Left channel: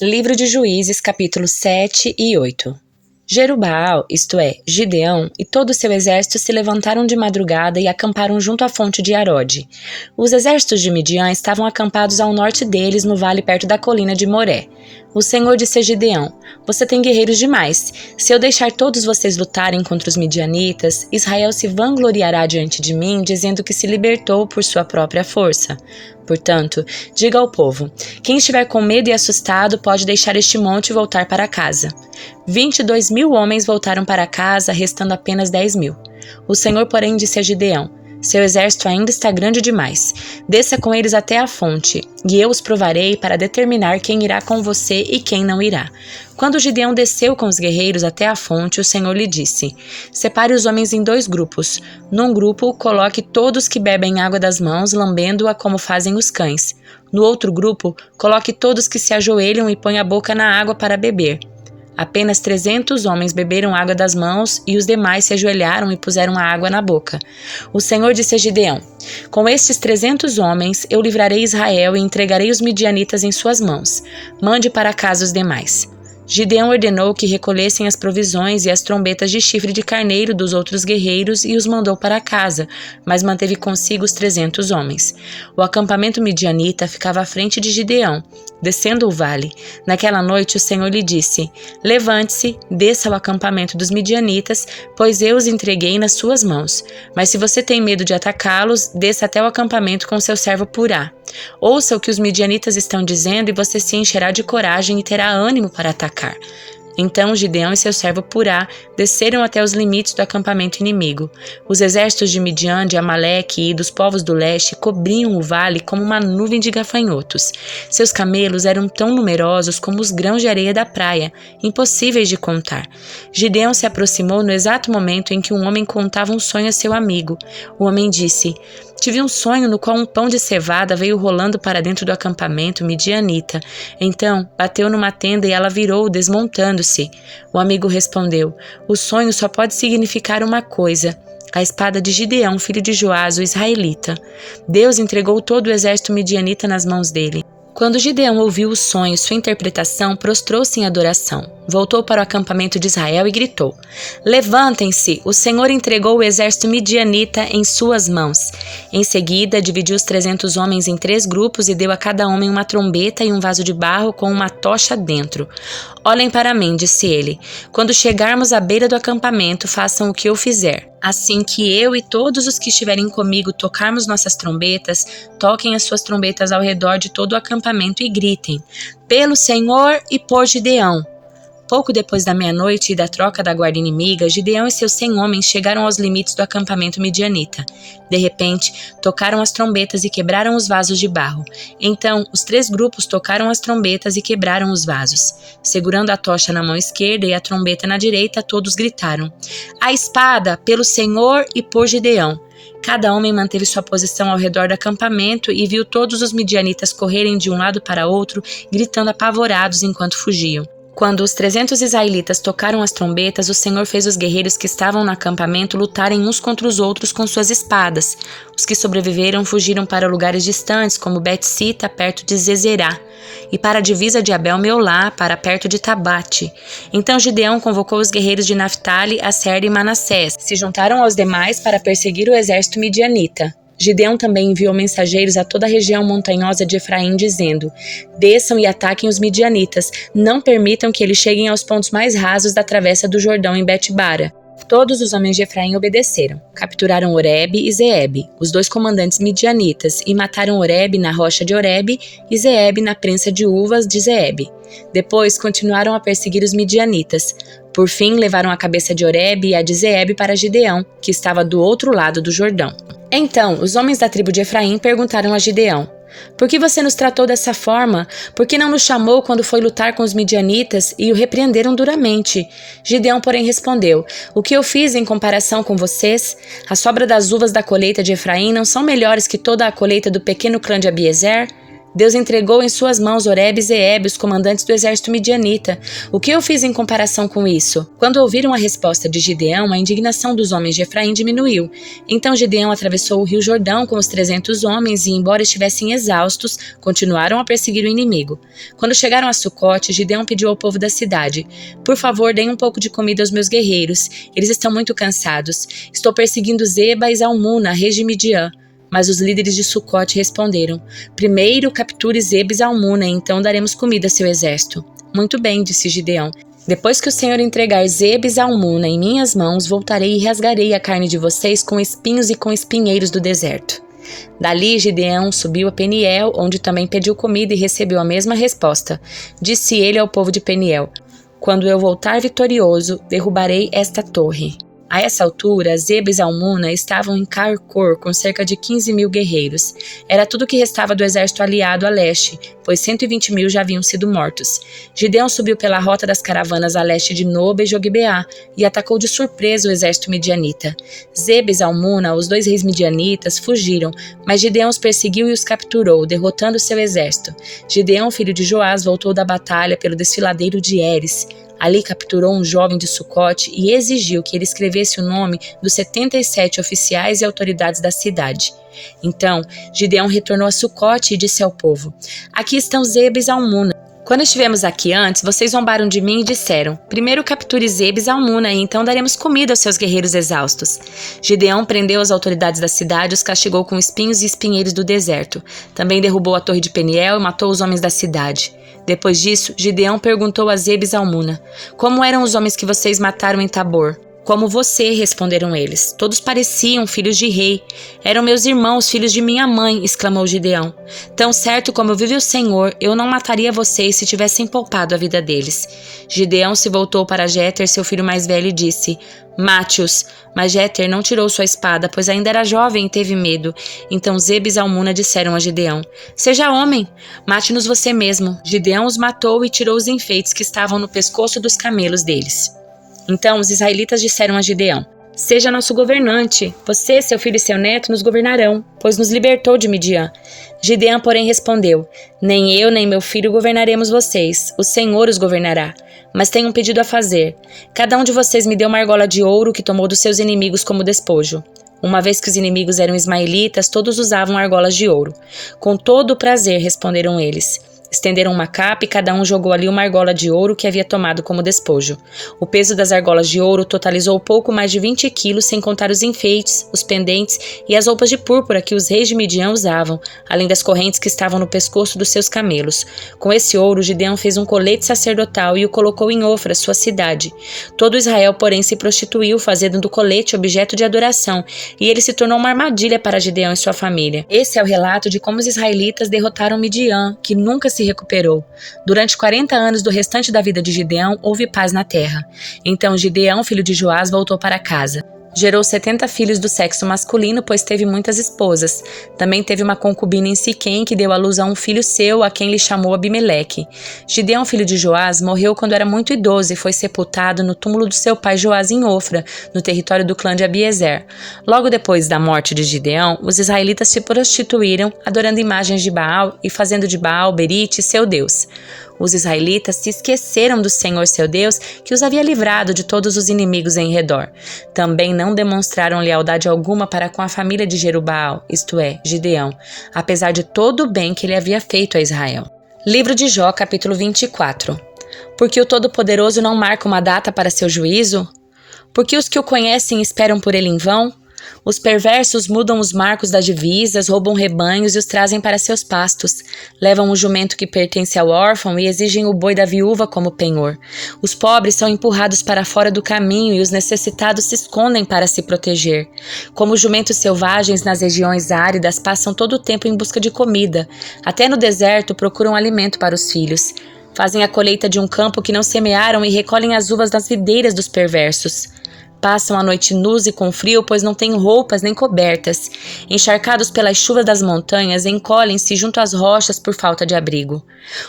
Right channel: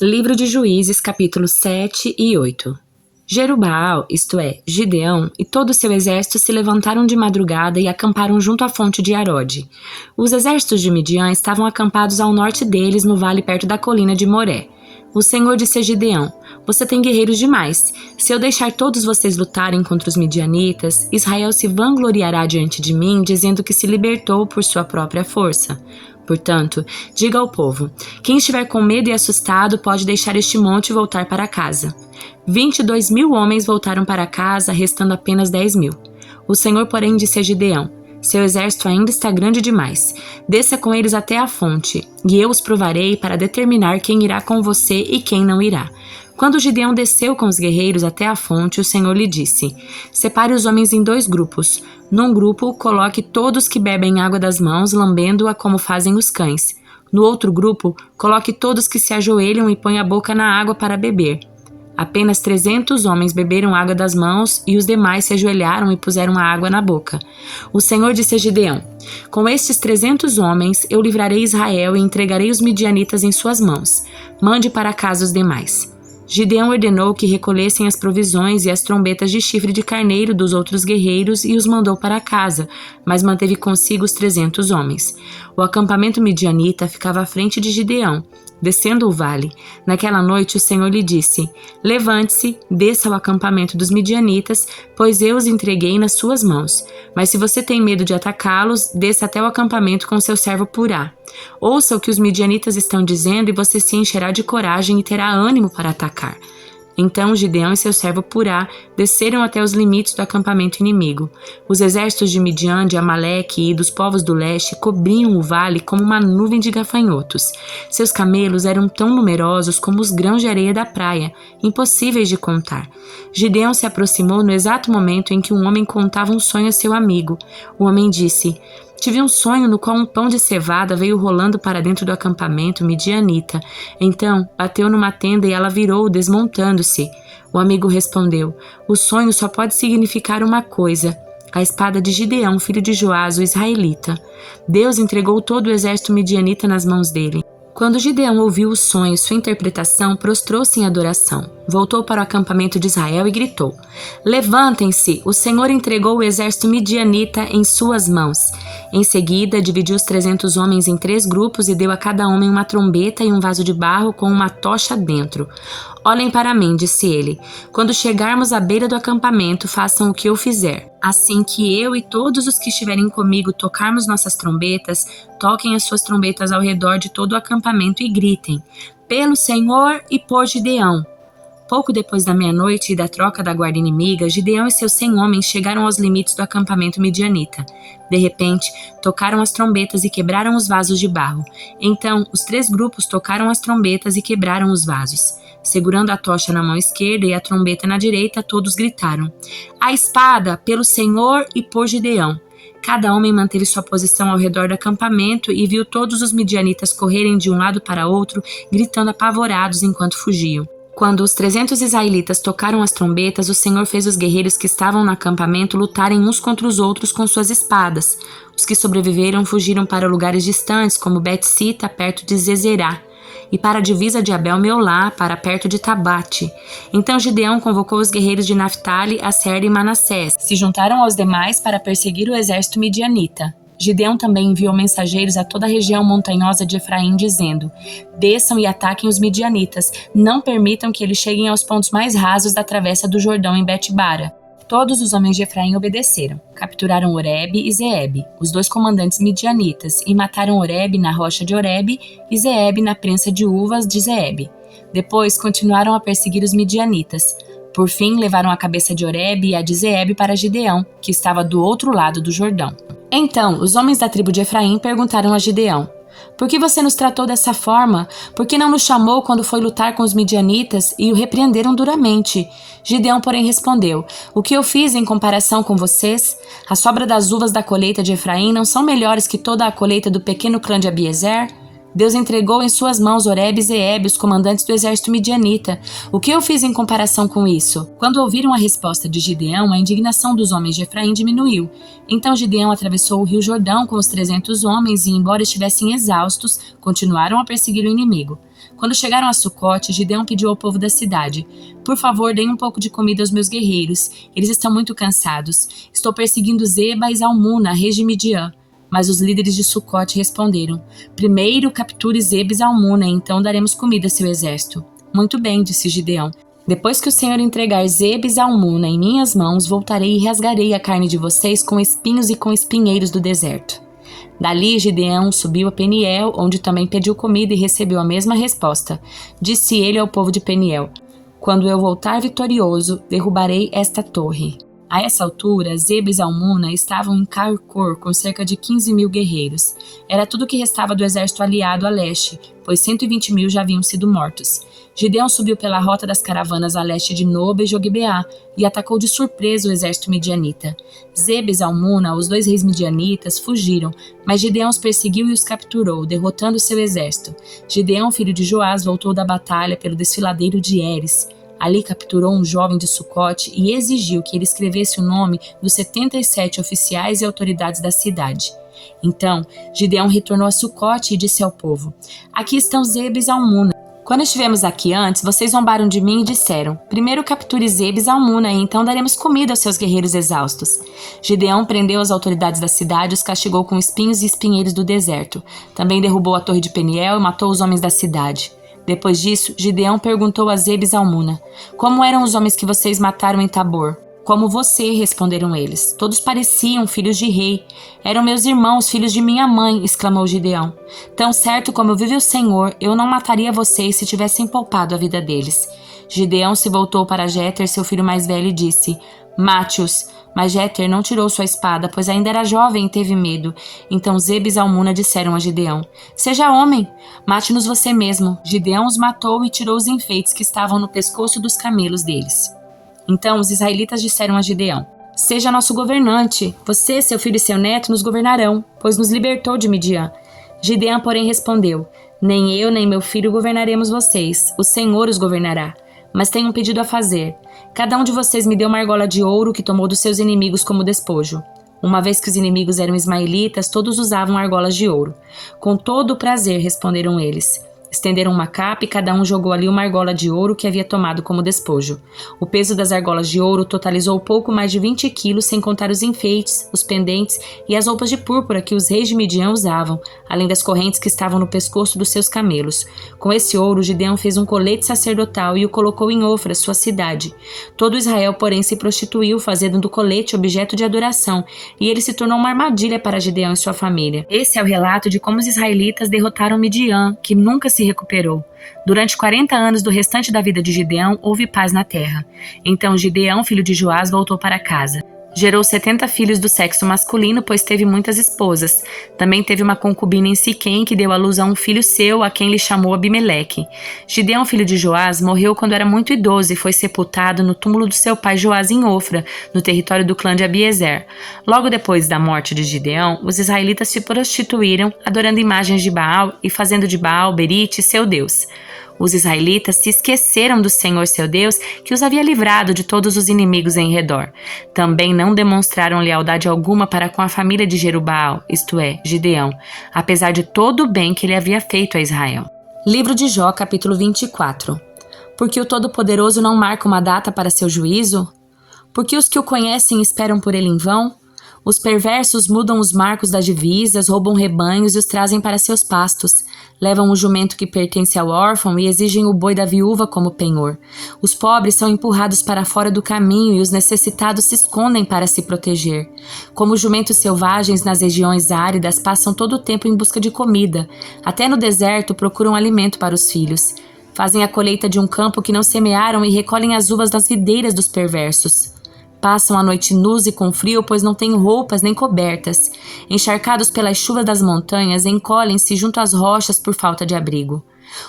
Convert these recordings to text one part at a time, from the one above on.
Livro de Juízes, capítulos 7 e 8. Jerubbaal, isto é, Gideão, e todo o seu exército se levantaram de madrugada e acamparam junto à fonte de Arode. Os exércitos de Midian estavam acampados ao norte deles, no vale perto da colina de Moré. O Senhor disse a Gideão: você tem guerreiros demais. Se eu deixar todos vocês lutarem contra os midianitas, Israel se vangloriará diante de mim, dizendo que se libertou por sua própria força. Portanto, diga ao povo: quem estiver com medo e assustado pode deixar este monte e voltar para casa. 22.000 homens voltaram para casa, restando apenas 10.000. O Senhor, porém, disse a Gideão: seu exército ainda está grande demais. Desça com eles até a fonte, e eu os provarei para determinar quem irá com você e quem não irá. Quando Gideão desceu com os guerreiros até a fonte, o Senhor lhe disse: separe os homens em 2 grupos. Num grupo, coloque todos que bebem água das mãos, lambendo-a como fazem os cães. No outro grupo, coloque todos que se ajoelham e põem a boca na água para beber. Apenas 300 homens beberam água das mãos e os demais se ajoelharam e puseram a água na boca. O Senhor disse a Gideão: com estes 300 homens eu livrarei Israel e entregarei os midianitas em suas mãos. Mande para casa os demais. Gideão ordenou que recolhessem as provisões e as trombetas de chifre de carneiro dos outros guerreiros e os mandou para casa, mas manteve consigo os 300 homens. O acampamento midianita ficava à frente de Gideão, descendo o vale. Naquela noite o Senhor lhe disse: levante-se, desça ao acampamento dos midianitas, pois eu os entreguei nas suas mãos. Mas se você tem medo de atacá-los, desça até o acampamento com seu servo Purá. Ouça o que os midianitas estão dizendo e você se encherá de coragem e terá ânimo para atacar. Então Gideão e seu servo Purá desceram até os limites do acampamento inimigo. Os exércitos de Midian, de Amaleque e dos povos do leste cobriam o vale como uma nuvem de gafanhotos. Seus camelos eram tão numerosos como os grãos de areia da praia, impossíveis de contar. Gideão se aproximou no exato momento em que um homem contava um sonho a seu amigo. O homem disse: tive um sonho no qual um pão de cevada veio rolando para dentro do acampamento midianita. Então, bateu numa tenda e ela virou, desmontando-se. O amigo respondeu: o sonho só pode significar uma coisa: a espada de Gideão, filho de Joás, o israelita. Deus entregou todo o exército midianita nas mãos dele. Quando Gideão ouviu o sonho e sua interpretação, prostrou-se em adoração. Voltou para o acampamento de Israel e gritou: levantem-se, o Senhor entregou o exército midianita em suas mãos. Em seguida, dividiu os 300 homens em 3 grupos e deu a cada homem uma trombeta e um vaso de barro com uma tocha dentro. Olhem para mim, disse ele. Quando chegarmos à beira do acampamento, façam o que eu fizer. Assim que eu e todos os que estiverem comigo tocarmos nossas trombetas, toquem as suas trombetas ao redor de todo o acampamento e gritem: pelo Senhor e por Gideão. Pouco depois da meia-noite e da troca da guarda inimiga, Gideão e seus 100 homens chegaram aos limites do acampamento midianita. De repente, tocaram as trombetas e quebraram os vasos de barro. Então, os 3 grupos tocaram as trombetas e quebraram os vasos. Segurando a tocha na mão esquerda e a trombeta na direita, todos gritaram: a espada, pelo Senhor e por Gideão. Cada homem manteve sua posição ao redor do acampamento e viu todos os midianitas correrem de um lado para outro, gritando apavorados enquanto fugiam. Quando os 300 israelitas tocaram as trombetas, o Senhor fez os guerreiros que estavam no acampamento lutarem uns contra os outros com suas espadas. Os que sobreviveram fugiram para lugares distantes, como Bet-sita, perto de Zezerá, e para a divisa de Abel-meolá, para perto de Tabate. Então Gideão convocou os guerreiros de Naftali, Asser e Manassés, se juntaram aos demais para perseguir o exército midianita. Gideão também enviou mensageiros a toda a região montanhosa de Efraim, dizendo: desçam e ataquem os midianitas, não permitam que eles cheguem aos pontos mais rasos da travessa do Jordão em Bet-bara. Todos os homens de Efraim obedeceram. Capturaram Oreb e Zeeb, os 2 comandantes midianitas, e mataram Oreb na rocha de Oreb e Zeeb na prensa de uvas de Zeeb. Depois continuaram a perseguir os midianitas. Por fim, levaram a cabeça de Oreb e a de Zeeb para Gideão, que estava do outro lado do Jordão. Então, os homens da tribo de Efraim perguntaram a Gideão: por que você nos tratou dessa forma? Por que não nos chamou quando foi lutar com os midianitas? E o repreenderam duramente. Gideão, porém, respondeu: o que eu fiz em comparação com vocês? A sobra das uvas da colheita de Efraim não são melhores que toda a colheita do pequeno clã de Abiezer? Deus entregou em suas mãos Oreb e Zeebe, os comandantes do exército midianita. O que eu fiz em comparação com isso? Quando ouviram a resposta de Gideão, a indignação dos homens de Efraim diminuiu. Então Gideão atravessou o rio Jordão com os 300 homens e, embora estivessem exaustos, continuaram a perseguir o inimigo. Quando chegaram a Sucote, Gideão pediu ao povo da cidade: por favor, deem um pouco de comida aos meus guerreiros. Eles estão muito cansados. Estou perseguindo Zeba e Zalmuna, reis de Midian. Mas os líderes de Sucote responderam: primeiro capture Zeba e Zalmuna, e então daremos comida a seu exército. Muito bem, disse Gideão. Depois que o Senhor entregar Zeba e Zalmuna em minhas mãos, voltarei e rasgarei a carne de vocês com espinhos e com espinheiros do deserto. Dali Gideão subiu a Peniel, onde também pediu comida e recebeu a mesma resposta. Disse ele ao povo de Peniel: quando eu voltar vitorioso, derrubarei esta torre. A essa altura, Zeba e Zalmuna estavam em Carcor com cerca de 15.000 guerreiros. Era tudo que restava do exército aliado a leste, pois 120.000 já haviam sido mortos. Gideão subiu pela rota das caravanas a leste de Noba e Jogbeá e atacou de surpresa o exército midianita. Zeba e Zalmuna, os 2 reis midianitas, fugiram, mas Gideão os perseguiu e os capturou, derrotando seu exército. Gideão, filho de Joás, voltou da batalha pelo desfiladeiro de Heres. Ali capturou um jovem de Sucote e exigiu que ele escrevesse o nome dos 77 oficiais e autoridades da cidade. Então, Gideão retornou a Sucote e disse ao povo: aqui estão Zeba e Zalmuna. Quando estivemos aqui antes, vocês zombaram de mim e disseram: primeiro capture Zeba e Zalmuna, e então daremos comida aos seus guerreiros exaustos. Gideão prendeu as autoridades da cidade e os castigou com espinhos e espinheiros do deserto. Também derrubou a torre de Peniel e matou os homens da cidade. Depois disso, Gideão perguntou a Zeba e Zalmuna: como eram os homens que vocês mataram em Tabor? Como você, responderam eles. Todos pareciam filhos de rei. Eram meus irmãos, filhos de minha mãe, exclamou Gideão. Tão certo como vive o Senhor, eu não mataria vocês se tivessem poupado a vida deles. Gideão se voltou para Jéter, seu filho mais velho, e disse: mate-os. Mas Jéter não tirou sua espada, pois ainda era jovem e teve medo. Então Zeba e Zalmuna disseram a Gideão: seja homem, mate-nos você mesmo. Gideão os matou e tirou os enfeites que estavam no pescoço dos camelos deles. Então os israelitas disseram a Gideão: seja nosso governante. Você, seu filho e seu neto nos governarão, pois nos libertou de Midian. Gideão, porém, respondeu: nem eu nem meu filho governaremos vocês. O Senhor os governará. Mas tenho um pedido a fazer. Cada um de vocês me dê uma argola de ouro que tomou dos seus inimigos como despojo. Uma vez que os inimigos eram ismaelitas, todos usavam argolas de ouro. Com todo o prazer, responderam eles. Estenderam uma capa e cada um jogou ali uma argola de ouro que havia tomado como despojo. O peso das argolas de ouro totalizou pouco mais de 20 quilos, sem contar os enfeites, os pendentes e as roupas de púrpura que os reis de Midian usavam, além das correntes que estavam no pescoço dos seus camelos. Com esse ouro, Gideão fez um colete sacerdotal e o colocou em Ofra, sua cidade. Todo Israel, porém, se prostituiu, fazendo do colete objeto de adoração, e ele se tornou uma armadilha para Gideão e sua família. Esse é o relato de como os israelitas derrotaram Midian, que nunca se recuperou. Durante 40 anos do restante da vida de Gideão, houve paz na terra. Então Gideão, filho de Joás, voltou para casa. Gerou 70 filhos do sexo masculino, pois teve muitas esposas. Também teve uma concubina em Siquém, que deu à luz a um filho seu, a quem lhe chamou Abimeleque. Gideão, filho de Joás, morreu quando era muito idoso e foi sepultado no túmulo do seu pai Joás em Ofra, no território do clã de Abiezer. Logo depois da morte de Gideão, os israelitas se prostituíram, adorando imagens de Baal e fazendo de Baal Berite seu deus. Os israelitas se esqueceram do Senhor seu Deus, que os havia livrado de todos os inimigos em redor. Também não demonstraram lealdade alguma para com a família de Jerubaal, isto é, Gideão, apesar de todo o bem que ele havia feito a Israel. Livro de Jó, capítulo 24. Porque o Todo-Poderoso não marca uma data para seu juízo? Porque os que o conhecem esperam por ele em vão? Os perversos mudam os marcos das divisas, roubam rebanhos e os trazem para seus pastos. Levam o jumento que pertence ao órfão e exigem o boi da viúva como penhor. Os pobres são empurrados para fora do caminho e os necessitados se escondem para se proteger. Como jumentos selvagens nas regiões áridas, passam todo o tempo em busca de comida. Até no deserto procuram alimento para os filhos. Fazem a colheita de um campo que não semearam e recolhem as uvas das videiras dos perversos. Passam a noite nus e com frio, pois não têm roupas nem cobertas. Encharcados pelas chuvas das montanhas, encolhem-se junto às rochas por falta de abrigo.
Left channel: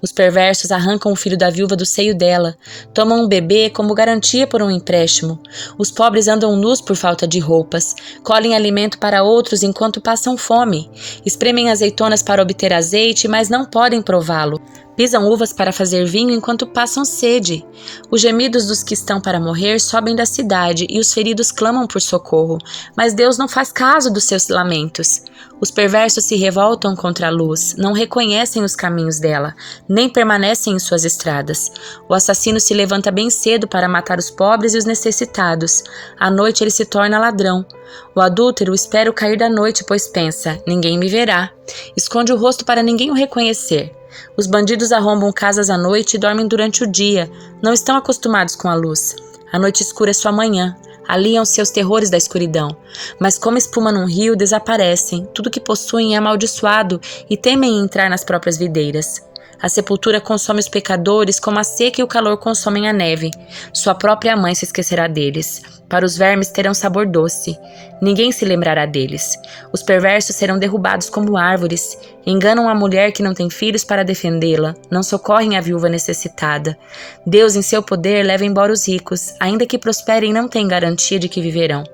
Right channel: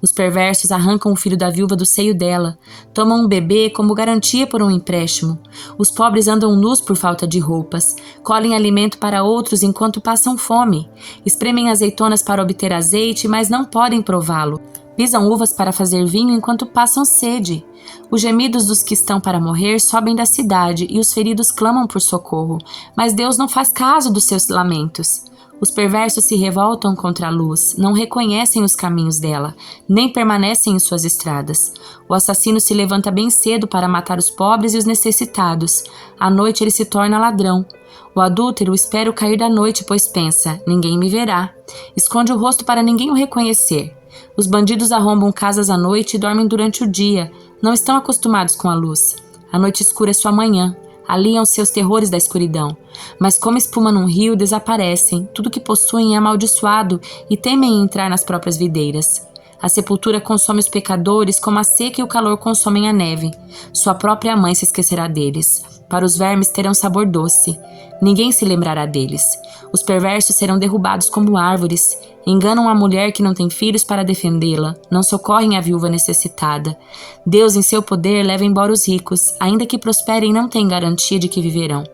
Os perversos arrancam o filho da viúva do seio dela, tomam um bebê como garantia por um empréstimo. Os pobres andam nus por falta de roupas, colhem alimento para outros enquanto passam fome, espremem azeitonas para obter azeite, mas não podem prová-lo. Pisam uvas para fazer vinho enquanto passam sede. Os gemidos dos que estão para morrer sobem da cidade e os feridos clamam por socorro, mas Deus não faz caso dos seus lamentos. Os perversos se revoltam contra a luz, não reconhecem os caminhos dela, nem permanecem em suas estradas. O assassino se levanta bem cedo para matar os pobres e os necessitados. À noite ele se torna ladrão. O adúltero espera o cair da noite, pois pensa, ninguém me verá. Esconde o rosto para ninguém o reconhecer. Os bandidos arrombam casas à noite e dormem durante o dia. Não estão acostumados com a luz. A noite escura é sua manhã. Aliam-se aos terrores da escuridão. Mas como espuma num rio, desaparecem. Tudo que possuem é amaldiçoado e temem entrar nas próprias videiras. A sepultura consome os pecadores como a seca e o calor consomem a neve. Sua própria mãe se esquecerá deles. Para os vermes terão sabor doce. Ninguém se lembrará deles. Os perversos serão derrubados como árvores. Enganam a mulher que não tem filhos para defendê-la. Não socorrem a viúva necessitada. Deus, em seu poder, leva embora os ricos. Ainda que prosperem, não têm garantia de que viverão.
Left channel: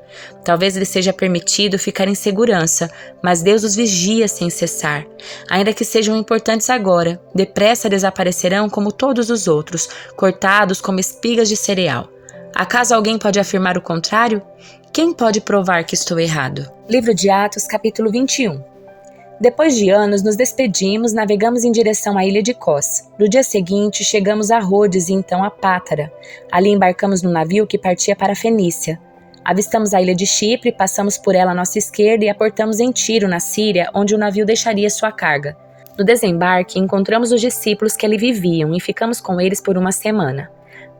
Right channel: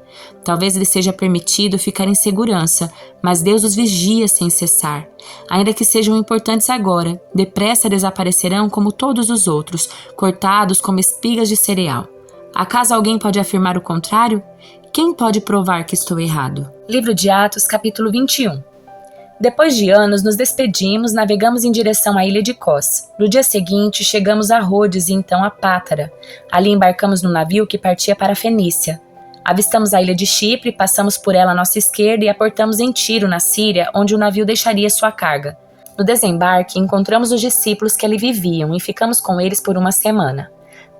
Talvez lhes seja permitido ficar em segurança, mas Deus os vigia sem cessar. Ainda que sejam importantes agora, depressa desaparecerão como todos os outros, cortados como espigas de cereal. Acaso alguém pode afirmar o contrário? Quem pode provar que estou errado? Livro de Atos, capítulo 21. Depois de anos, nos despedimos, navegamos em direção à ilha de Cós. No dia seguinte, chegamos a Rhodes e então a Pátara. Ali embarcamos no navio que partia para a Fenícia. Avistamos a ilha de Chipre, passamos por ela à nossa esquerda e aportamos em Tiro, na Síria, onde o navio deixaria sua carga. No desembarque, encontramos os discípulos que ali viviam e ficamos com eles por uma semana.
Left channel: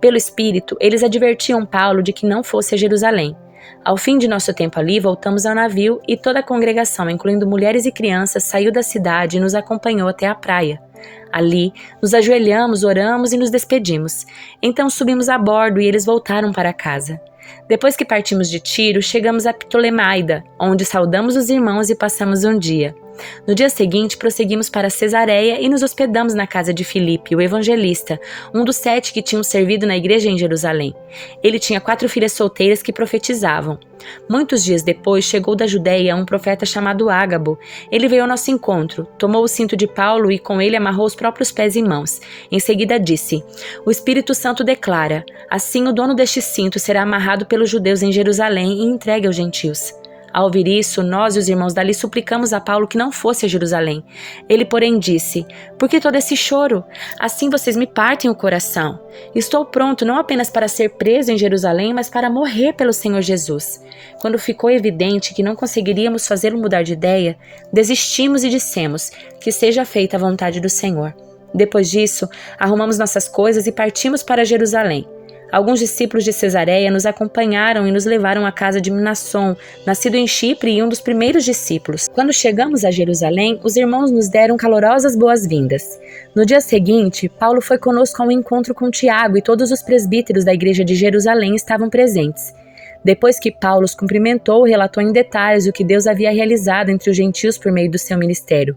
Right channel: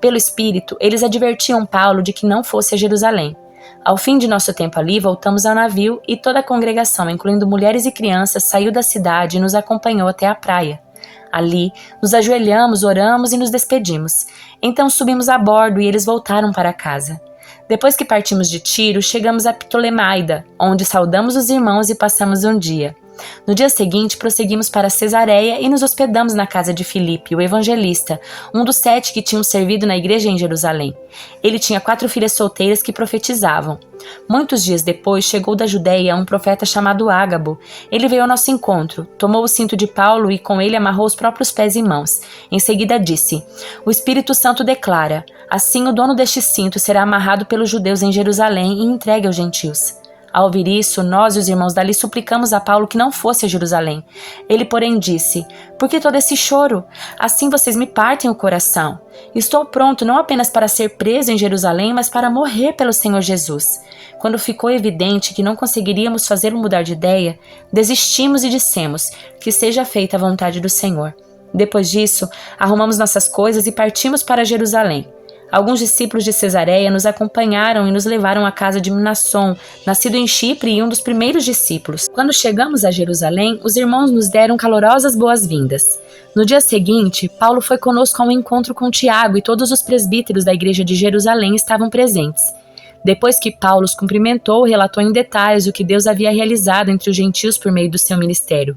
Pelo Espírito, eles advertiam Paulo de que não fosse a Jerusalém. Ao fim de nosso tempo ali, voltamos ao navio e toda a congregação, incluindo mulheres e crianças, saiu da cidade e nos acompanhou até a praia. Ali, nos ajoelhamos, oramos e nos despedimos. Então subimos a bordo e eles voltaram para casa. Depois que partimos de Tiro, chegamos a Ptolemaida, onde saudamos os irmãos e passamos um dia. No dia seguinte, prosseguimos para Cesareia e nos hospedamos na casa de Filipe, o evangelista, um dos 7 que tinham servido na igreja em Jerusalém. Ele tinha 4 filhas solteiras que profetizavam. Muitos dias depois, chegou da Judeia um profeta chamado Ágabo. Ele veio ao nosso encontro, tomou o cinto de Paulo e com ele amarrou os próprios pés e mãos. Em seguida disse: "O Espírito Santo declara, assim o dono deste cinto será amarrado pelos judeus em Jerusalém e entregue aos gentios." Ao ouvir isso, nós e os irmãos dali suplicamos a Paulo que não fosse a Jerusalém. Ele, porém, disse: "Por que todo esse choro? Assim vocês me partem o coração. Estou pronto não apenas para ser preso em Jerusalém, mas para morrer pelo Senhor Jesus." Quando ficou evidente que não conseguiríamos fazê-lo mudar de ideia, desistimos e dissemos: "Que seja feita a vontade do Senhor." Depois disso, arrumamos nossas coisas e partimos para Jerusalém. Alguns discípulos de Cesareia nos acompanharam e nos levaram à casa de Mnasson, nascido em Chipre e um dos primeiros discípulos. Quando chegamos a Jerusalém, os irmãos nos deram calorosas boas-vindas. No dia seguinte, Paulo foi conosco a um encontro com Tiago e todos os presbíteros da igreja de Jerusalém estavam presentes. Depois que Paulo os cumprimentou, relatou em detalhes o que Deus havia realizado entre os gentios por meio do seu ministério.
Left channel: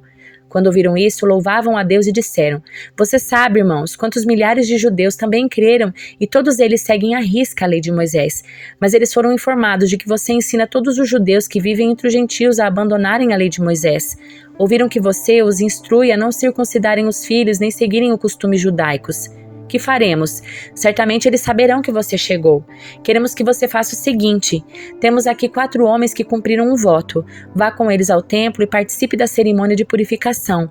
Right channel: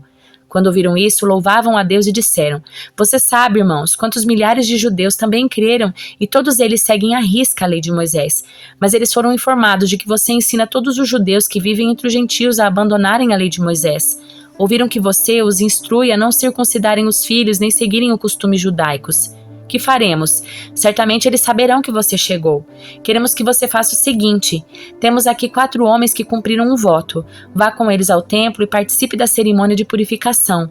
Quando ouviram isso, louvavam a Deus e disseram: "Você sabe, irmãos, quantos milhares de judeus também creram e todos eles seguem à risca a lei de Moisés. Mas eles foram informados de que você ensina todos os judeus que vivem entre os gentios a abandonarem a lei de Moisés. Ouviram que você os instrui a não circuncidarem os filhos nem seguirem os costumes judaicos. Que faremos? Certamente eles saberão que você chegou. Queremos que você faça o seguinte: temos aqui 4 homens que cumpriram um voto. Vá com eles ao templo e participe da cerimônia de purificação.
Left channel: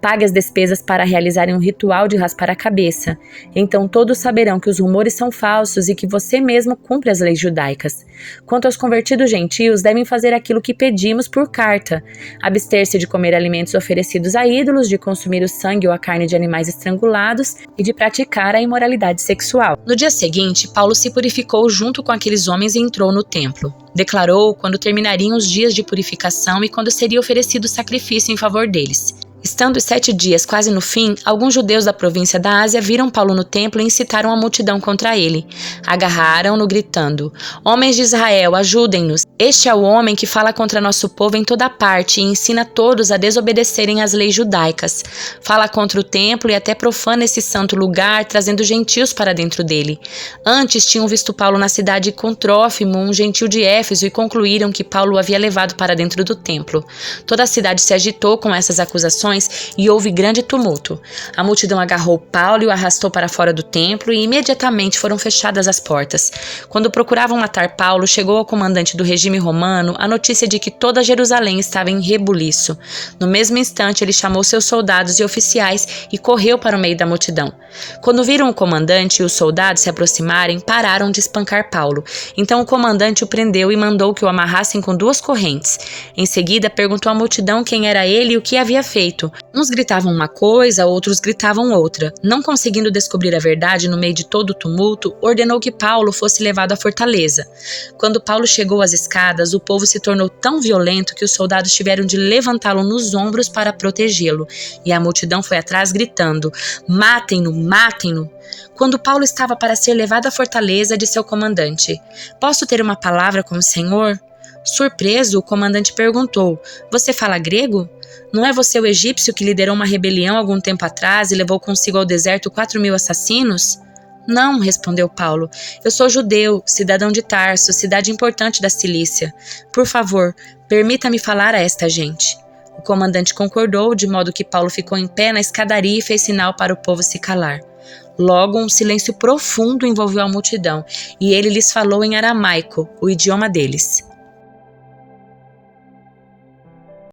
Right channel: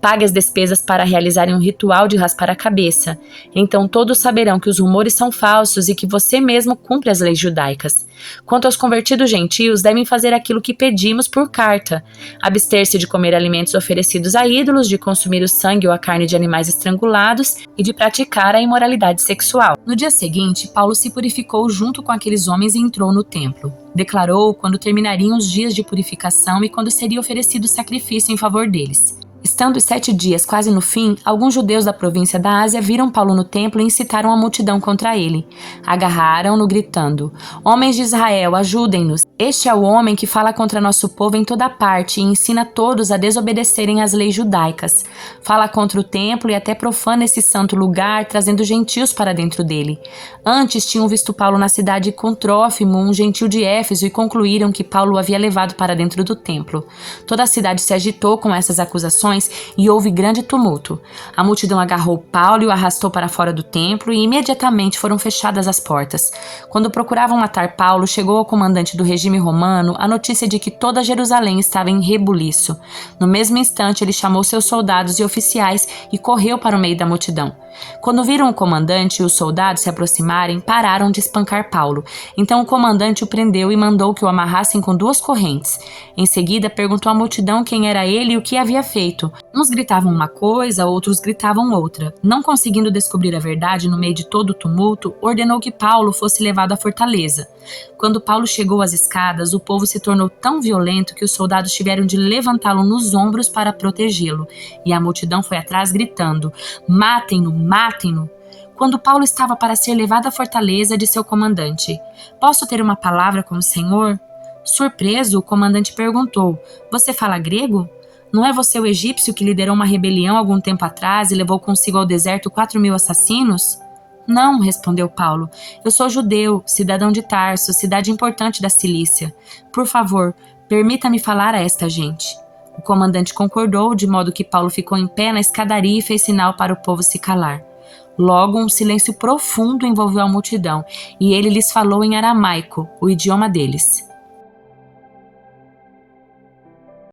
Pague as despesas para realizarem um ritual de raspar a cabeça. Então todos saberão que os rumores são falsos e que você mesmo cumpre as leis judaicas. Quanto aos convertidos gentios, devem fazer aquilo que pedimos por carta: abster-se de comer alimentos oferecidos a ídolos, de consumir o sangue ou a carne de animais estrangulados e de praticar a imoralidade sexual." No dia seguinte, Paulo se purificou junto com aqueles homens e entrou no templo. Declarou quando terminariam os dias de purificação e quando seria oferecido sacrifício em favor deles. Estando os 7 dias quase no fim, alguns judeus da província da Ásia viram Paulo no templo e incitaram a multidão contra ele. Agarraram-no, gritando: "Homens de Israel, ajudem-nos! Este é o homem que fala contra nosso povo em toda parte e ensina todos a desobedecerem às leis judaicas. Fala contra o templo e até profana esse santo lugar, trazendo gentios para dentro dele. Antes tinham visto Paulo na cidade com Trófimo, um gentil de Éfeso, e concluíram que Paulo o havia levado para dentro do templo. Toda a cidade se agitou com essas acusações e houve grande tumulto. A multidão agarrou Paulo e o arrastou para fora do templo e imediatamente foram fechadas as portas. Quando procuravam matar Paulo, chegou ao comandante do regime romano a notícia de que toda Jerusalém estava em rebuliço. No mesmo instante, ele chamou seus soldados e oficiais e correu para o meio da multidão. Quando viram o comandante e os soldados se aproximarem, pararam de espancar Paulo. Então o comandante o prendeu e mandou que o amarrassem com 2 correntes. Em seguida, perguntou à multidão quem era ele e o que havia feito. Uns gritavam uma coisa, outros gritavam outra. Não conseguindo descobrir a verdade no meio de todo o tumulto, ordenou que Paulo fosse levado à fortaleza. Quando Paulo chegou às escadas, o povo se tornou tão violento que os soldados tiveram de levantá-lo nos ombros para protegê-lo, e a multidão foi atrás gritando: "Matem-no, matem-no!" Quando Paulo estava para ser levado à fortaleza, disse ao comandante: "Posso ter uma palavra com o senhor?" Surpreso, o comandante perguntou: "Você fala grego? Não é você o egípcio que liderou uma rebelião algum tempo atrás e levou consigo ao deserto 4.000 assassinos?" "Não", respondeu Paulo. "Eu sou judeu, cidadão de Tarso, cidade importante da Cilícia. Por favor, permita-me falar a esta gente." O comandante concordou, de modo que Paulo ficou em pé na escadaria e fez sinal para o povo se calar. Logo, um silêncio profundo envolveu a multidão, e ele lhes falou em aramaico, o idioma deles.